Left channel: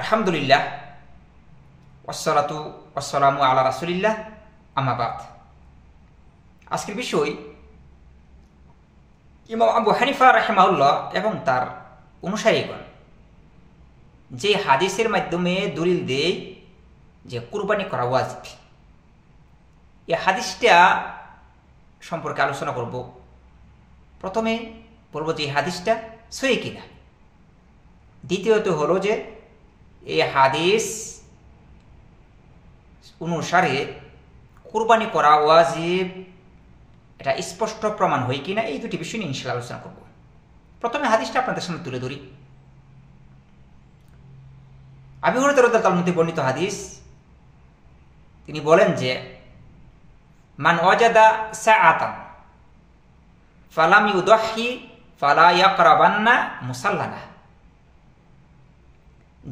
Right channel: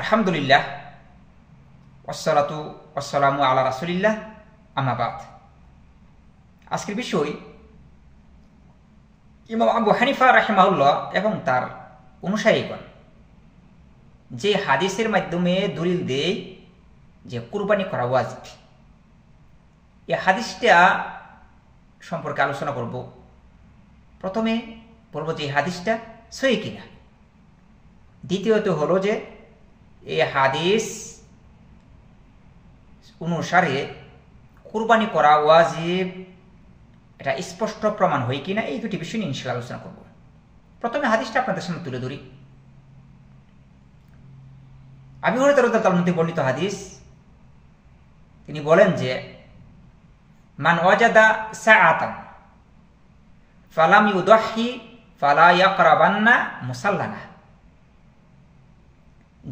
আলহামদুলিল্লাহ ওয়াসসালাতু ওয়াসসালামু আলা রাসূলিল্লাহ আম্মা বাদ। আজকের বিষয় ইমাম আবু হানিফা রাহিমাহুল্লাহ এবং তার অনুসারীগণ যে হাদিসের মাধ্যমে দলিল দেয় যে কুরবানি করা ওয়াজিব, এই হাদিসটা সম্পর্কে আলোচনা করব। প্রথমে বলবো যে এই হাদিসটা সহিহ কিনা, দ্বিতীয়ত হলো যে এই হাদিস অনুসারে কুরবানি করা ওয়াজিব এটা স্পষ্ট প্রমাণ হয় কিনা, এই দুটি বিষয় নিয়ে ইনশাআল্লাহ আলোচনা করব। প্রথমে হাদিসটা আপনাদের সামনে তুলে ধরি। আবু হুরায়রা রাদিয়াল্লাহু আনহু থেকে বর্ণিত হাদিস, তিনি বলেন যে মান ওয়াজাদা সাআতান ফালাম ইউদাহি ফালা ইয়াকরাবান্না মুসাল্লানা।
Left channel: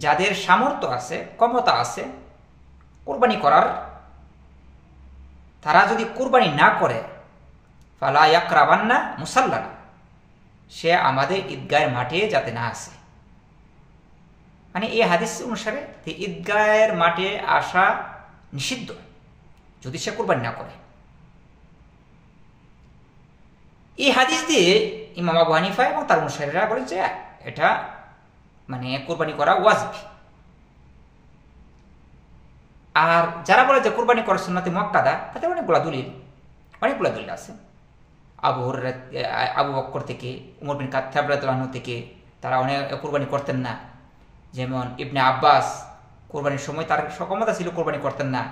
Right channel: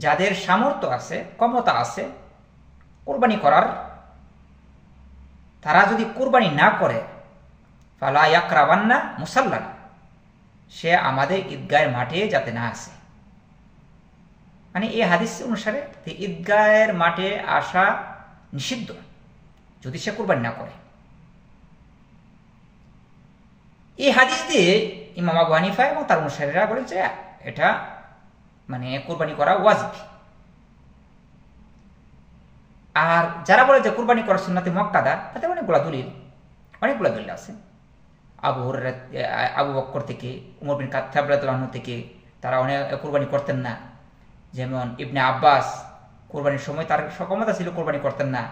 যাদের সামর্থ্য আছে, ক্ষমতা আছে কুরবানি করার, তারা যদি কুরবানি না করে ফালা ইয়াকরাবান্না মুসাল্লানা, সে আমাদের ঈদগাহের মাঠে যাতে না আসে। মানে এই হাদিস অনুসারে ঈদগাহের মাঠে আসা নিষিদ্ধ যদি সে কুরবানি না করে। এই হাদিস দিয়ে ইমাম আবু হানিফা এবং তার অনুসারীরা বলেন যে এটা মানে কুরবানি করা ওয়াজিব। আর যারা বলে যে কুরবানি করা সুন্নাতে মুআক্কাদা, তাতে অনেকগুলো দলিল আছে। আবু বকর থেকে, উমর বিন খাত্তাব রাদিয়াল্লাহু আনহু থেকে তারা অনেক কুরবানি করতেন না। যেমন ইবনে আব্বাস কুরবানির সময় তার সক্ষমতা ছিল, কুরবানি করতেন না।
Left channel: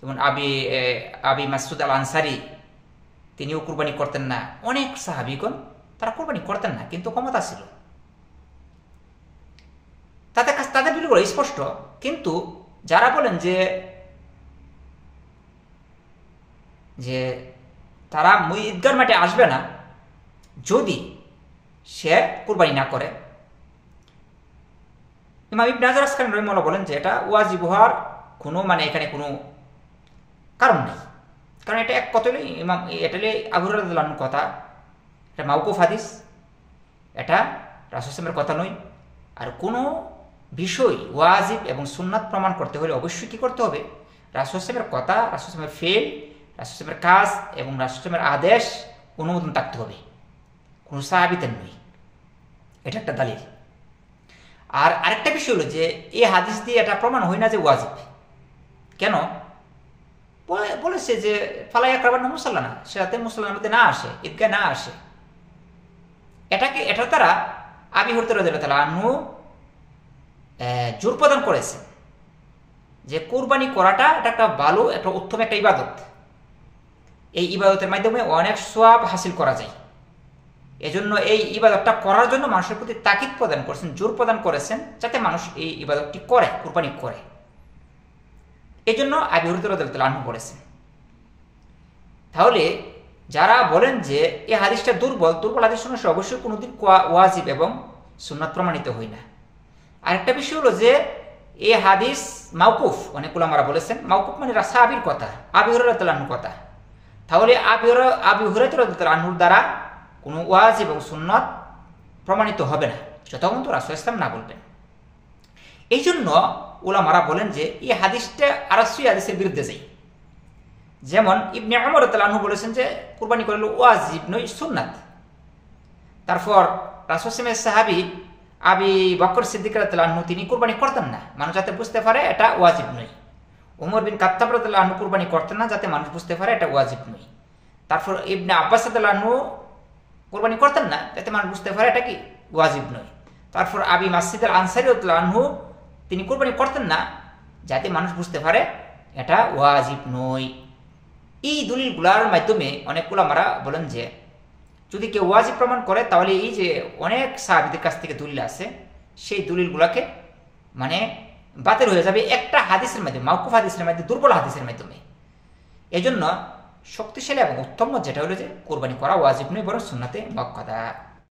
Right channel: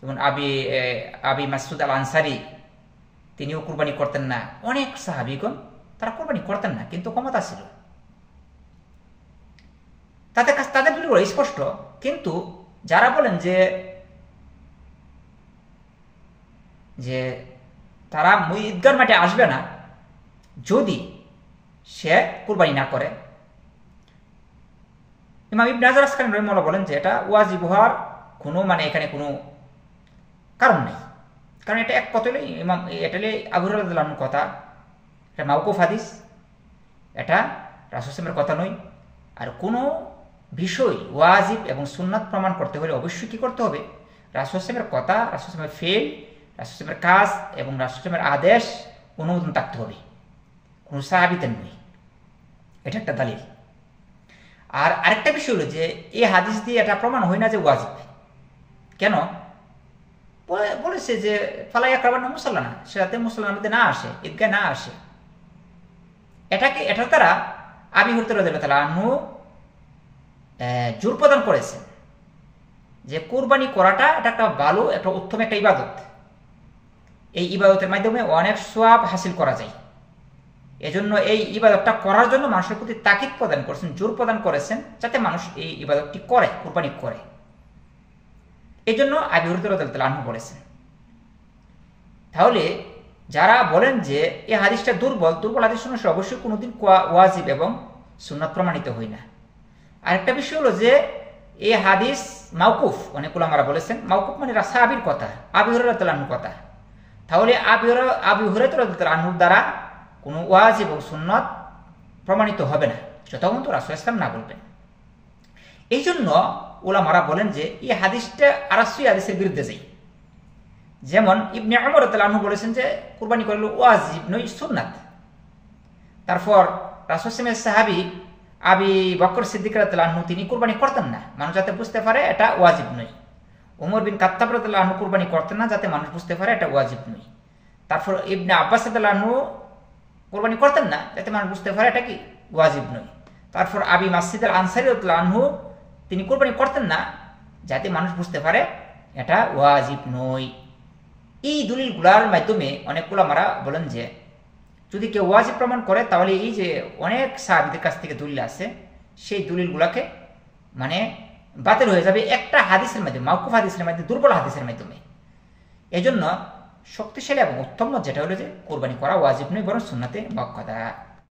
যেমন আবি মাসউদ আল আনসারী, তিনিও কুরবানি করতেন না। অনেক সাহাবীগণ তারা কুরবানি করতেন না, কিন্তু ক্ষমতা ছিল। তাদের দলিলগুলো স্পষ্ট। কিন্তু যারা বলেন যে তারা ঈদগাহর মাঠে আসবে না যদি সে কুরবানি না করে, ইমাম ইবনে হাজার আসকালানী রাহিমাহুল্লাহ বলেন যে এটা ওয়াজিব হওয়ার কোনো এখানে কোনো কারণ নেই। কারণ এটা এক কথা এটা আবু হুরায়রা রাদিয়াল্লাহু আনহুর কথা, এটা মাওকুফ হাদিস, এটা রাসূল সাল্লাল্লাহু আলাইহি ওয়াসাল্লামের কথা নয়। আর কোনো বিষয় ওয়াজিব এবং সুন্নাত প্রমাণ করতে হলে অবশ্যই কি করতে হবে? রাসূল সাল্লাল্লাহু আলাইহি ওয়াসাল্লামের কথা, রাসূল সাল্লাল্লাহু আলাইহি ওয়াসাল্লামের ফেল, রাসূল সাল্লাল্লাহু আলাইহি ওয়াসাল্লামের কাজ এবং রাসূল সাল্লাল্লাহু আলাইহি ওয়াসাল্লামের আদেশ অনুমোদন থাকতে হবে, কোনো সাহাবীদের নয়। এটা একটা দলিল। আর আরেকটা বিষয় হলো যে এই হাদিস দিয়ে এটা প্রমাণ হয় না যে ওয়াজিব। কেন? বলেছে যে ফালা ইয়াকরাবান্না মুসাল্লানা, সেটাতে মুসল্লার মধ্যে না আসে, ঈদগাহে না আসে। এটা তারা আবু হুরায়রা রাদিয়াল্লাহু আনহু জোর প্রদান করেছে যে কুরবানি করাটা এটা একটা ভালো, একটা উত্তম একটা ইবাদত। এই ইবাদতের মাধ্যমে অনেক সওয়াব হাসিল করা যায়। এজন্য এই ইবাদতটা করার জন্য মানুষের প্রতি তাকিদ প্রদান করেছেন, জোর প্রদান করেছেন, যাতে মানুষ এই ইবাদতটি করে, কুরবানি করে। এই জন্য আবু হুরায়রা রাদিয়াল্লাহু আনহু বলেছেন। তাহলে যারা বলেন যে এই হাদিসটা দুর্বল হাদিস অনুসারে অবশ্যই কোনোদিন ওয়াজিব এবং সুন্নাত প্রমাণিত হয় না। আরেকটা বিষয় হলো যে এই হাদিস মাওকুফ, অনেক উলামারা বলেছেন মাওকুফ মানে সাহাবীর কথা, আবু হুরায়রা রাদিয়াল্লাহু আনহুর কথা। তাহলে আবু হুরায়রা রাদিয়াল্লাহু আনহুর দ্বারা কোনো ওয়াজিব এবং সুন্নাত প্রমাণিত হবে না যতক্ষণ রাসূল সাল্লাল্লাহু আলাইহি ওয়াসাল্লাম না বলবেন। এই জন্য উলামারা বলেন যে এই হাদিসটা আরাসি হাদিসের বিরুদ্ধে যায়। যেমন ইবনে উমর রাদিয়াল্লাহু আনহু বলেছেন যে কুরবানি করলে ওয়াজিব নয়, সুন্নাত। তারপর রাসূল সাল্লাল্লাহু আলাইহি ওয়াসাল্লামের সাহাবী আবু বকর সিদ্দিক রাদিয়াল্লাহু আনহু তিনি কুরবানি করতেন না, মানুষ যাতে বুঝতে পারে এটা ওয়াজিব নয়। উমর বিন খাত্তাব রাদিয়াল্লাহু আনহু কুরবানি করতেন না, যাতে মানুষ বুঝতে পারে এটা ওয়াজিব নয়। তারপর ইবনে আব্বাস রাদিয়াল্লাহু আনহু কুরবানি করতেন না, যাতে মানুষ বুঝতে পারে এটা কি ওয়াজিব নয়। তারপর আবি মাসউদ আল আনসারী রাদিয়াল্লাহু আনহু তিনি কুরবানি করতেন না, যাতে মানুষ বুঝতে পারে এটা ওয়াজিব নয়। এই দলিলগুলোর মাধ্যমে অনেক উলামারা বলেন যে যদি কেউ ওয়াজিব প্রমাণ করে, তাহলে এই যে অনেক সাহাবীদের কাছ থেকে দলিল আছে, সেই দলিলগুলোকে বাতিল হয়ে যাবে একটা হাদিসের মাধ্যমে, মাওকুফ হাদিসের মাধ্যমে, দুর্বল হাদিসের মাধ্যমে। এই জন্য শক্তিশালী এবং উত্তম যেটা হলো যে কুরবানি করা ওয়াজিব নয়, বরং সুন্নাতে মুআক্কাদা।